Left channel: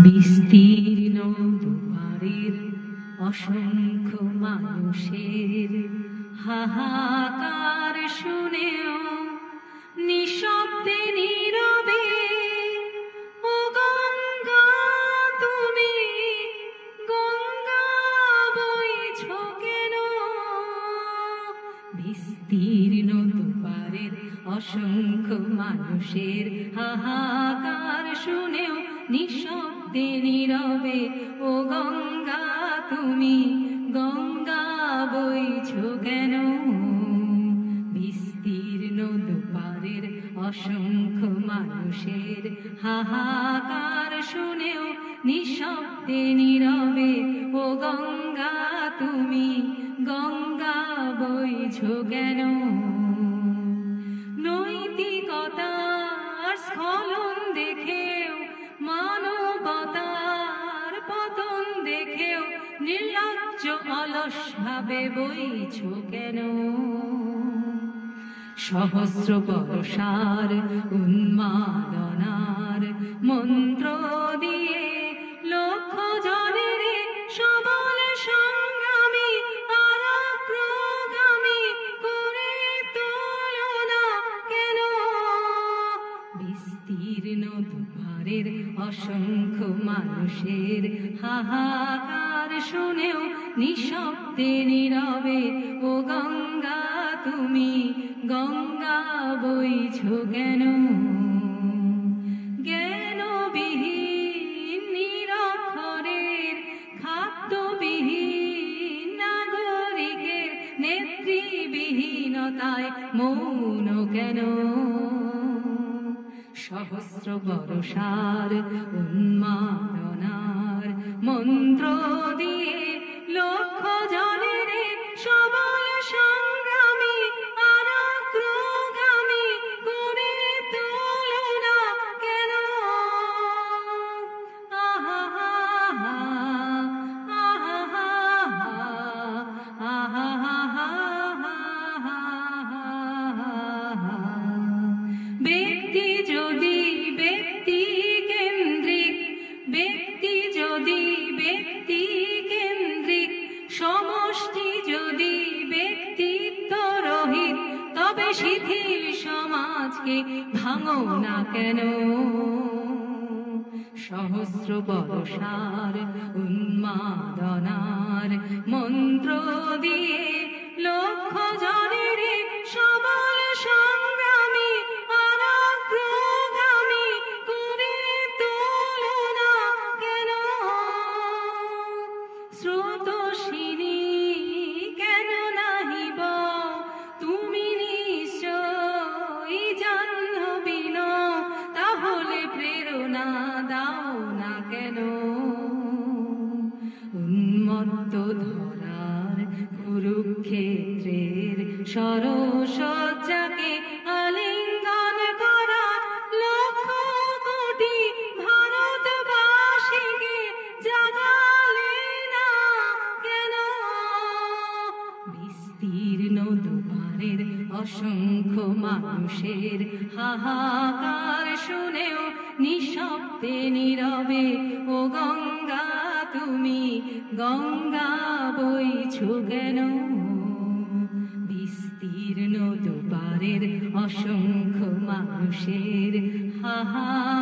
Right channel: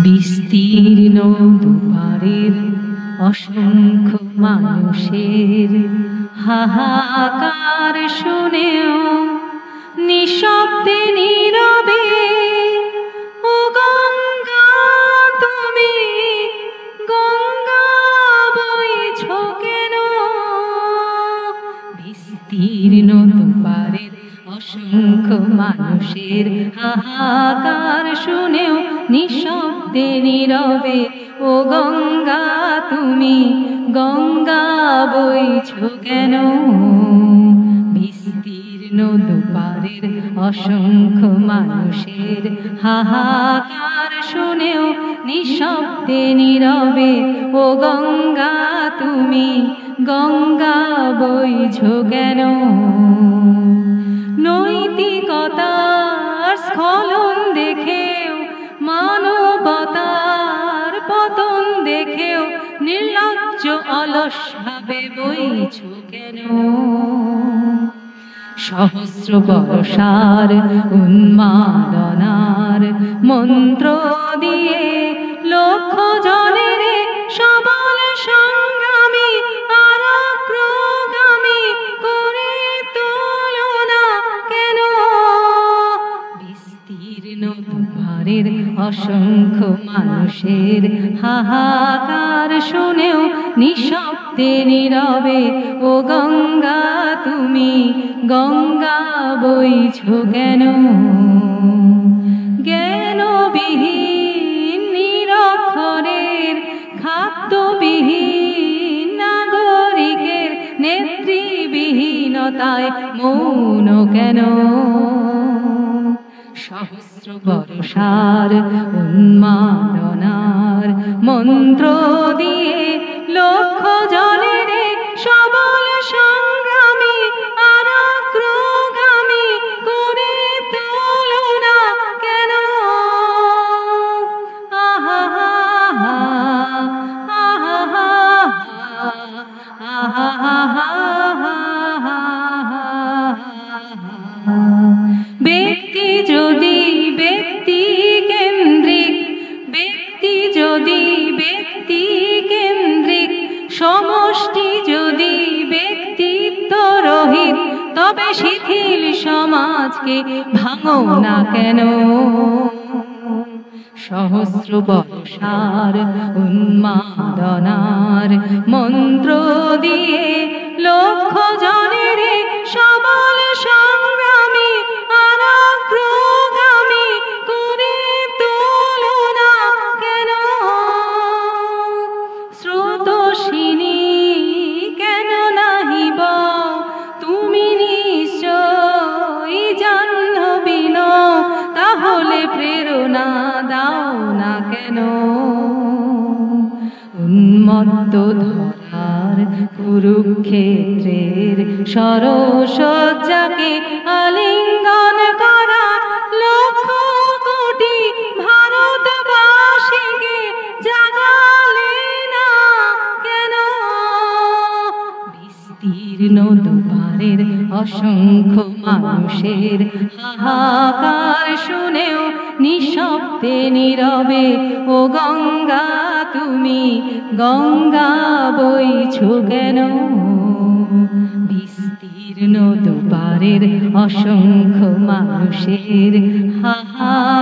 বিস্তীর্ণ দুপারের অসংখ্য মানুষের হাহাকার শুনেও নিঃশব্দে নীরবে ও গঙ্গা তুমি গঙ্গা বইছ কেন? বিস্তীর্ণ দুপারের অসংখ্য মানুষের হাহাকার শুনেও নিঃশব্দে নীরবে ও গঙ্গা তুমি গঙ্গা বইছ কেন? বিস্তীর্ণ দুপারের অসংখ্য মানুষের হাহাকার শুনেও নিঃশব্দে নীরবে ও গঙ্গা তুমি গঙ্গা বইছ কেন? নৈতিকতার স্খলন দেখেও মানবতার পতন দেখেও নির্লজ্জ অলস ভাবে বইছ কেন? সহস্র বর্ষার উন্মাদনার মন্ত্র দিয়ে লক্ষ জনের সবল সংগ্রামী আর অগ্রগামী করে তোলো না কেন? বিস্তীর্ণ দুপারের অসংখ্য মানুষের হাহাকার শুনেও নিঃশব্দে নীরবে ও গঙ্গা তুমি গঙ্গা বইছ কেন? জ্ঞানবিহীন নিরক্ষরের খাদ্যবিহীন নাগরিকের নেতৃবিহীনতায় মৌন কেন? সহস্র বর্ষার উন্মাদনার মন্ত্র দিয়ে লক্ষ জনের সবল সংগ্রামী আর অগ্রগামী করে তোলো না কেন? আহা আহা আহা আহা ব্যক্তি যদি ব্যক্তি কেন্দ্রিক, ব্যক্তি যদি ব্যক্তি কেন্দ্রিক, সমষ্টি যদি ব্যক্তিত্ব রহিত, তবে শিথিল সমাজকে ভাঙো না কেন? সহস্র বর্ষার উন্মাদনার মন্ত্র দিয়ে লক্ষ জনের সবল সংগ্রামী আর অগ্রগামী করে তোলো না কেন? স্রোতস্বিনী কেন নাহিব তুমি নিশ্চয়ই জাহ্নবী নও, তাহলে প্রেরণা দাও না কেন? উন্মত্ত ধরার কুরুক্ষেত্রের সরসজ্জাকে আলিঙ্গন করা লক্ষ কোটি ভারতবাসীকে জাগালে না কেন? বিস্তীর্ণ দুপারের অসংখ্য মানুষের হাহাকার শুনেও নিঃশব্দে নীরবে ও গঙ্গা তুমি গঙ্গা বইছ কেন? বিস্তীর্ণ দুপারের অসংখ্য মানুষের হাহাকার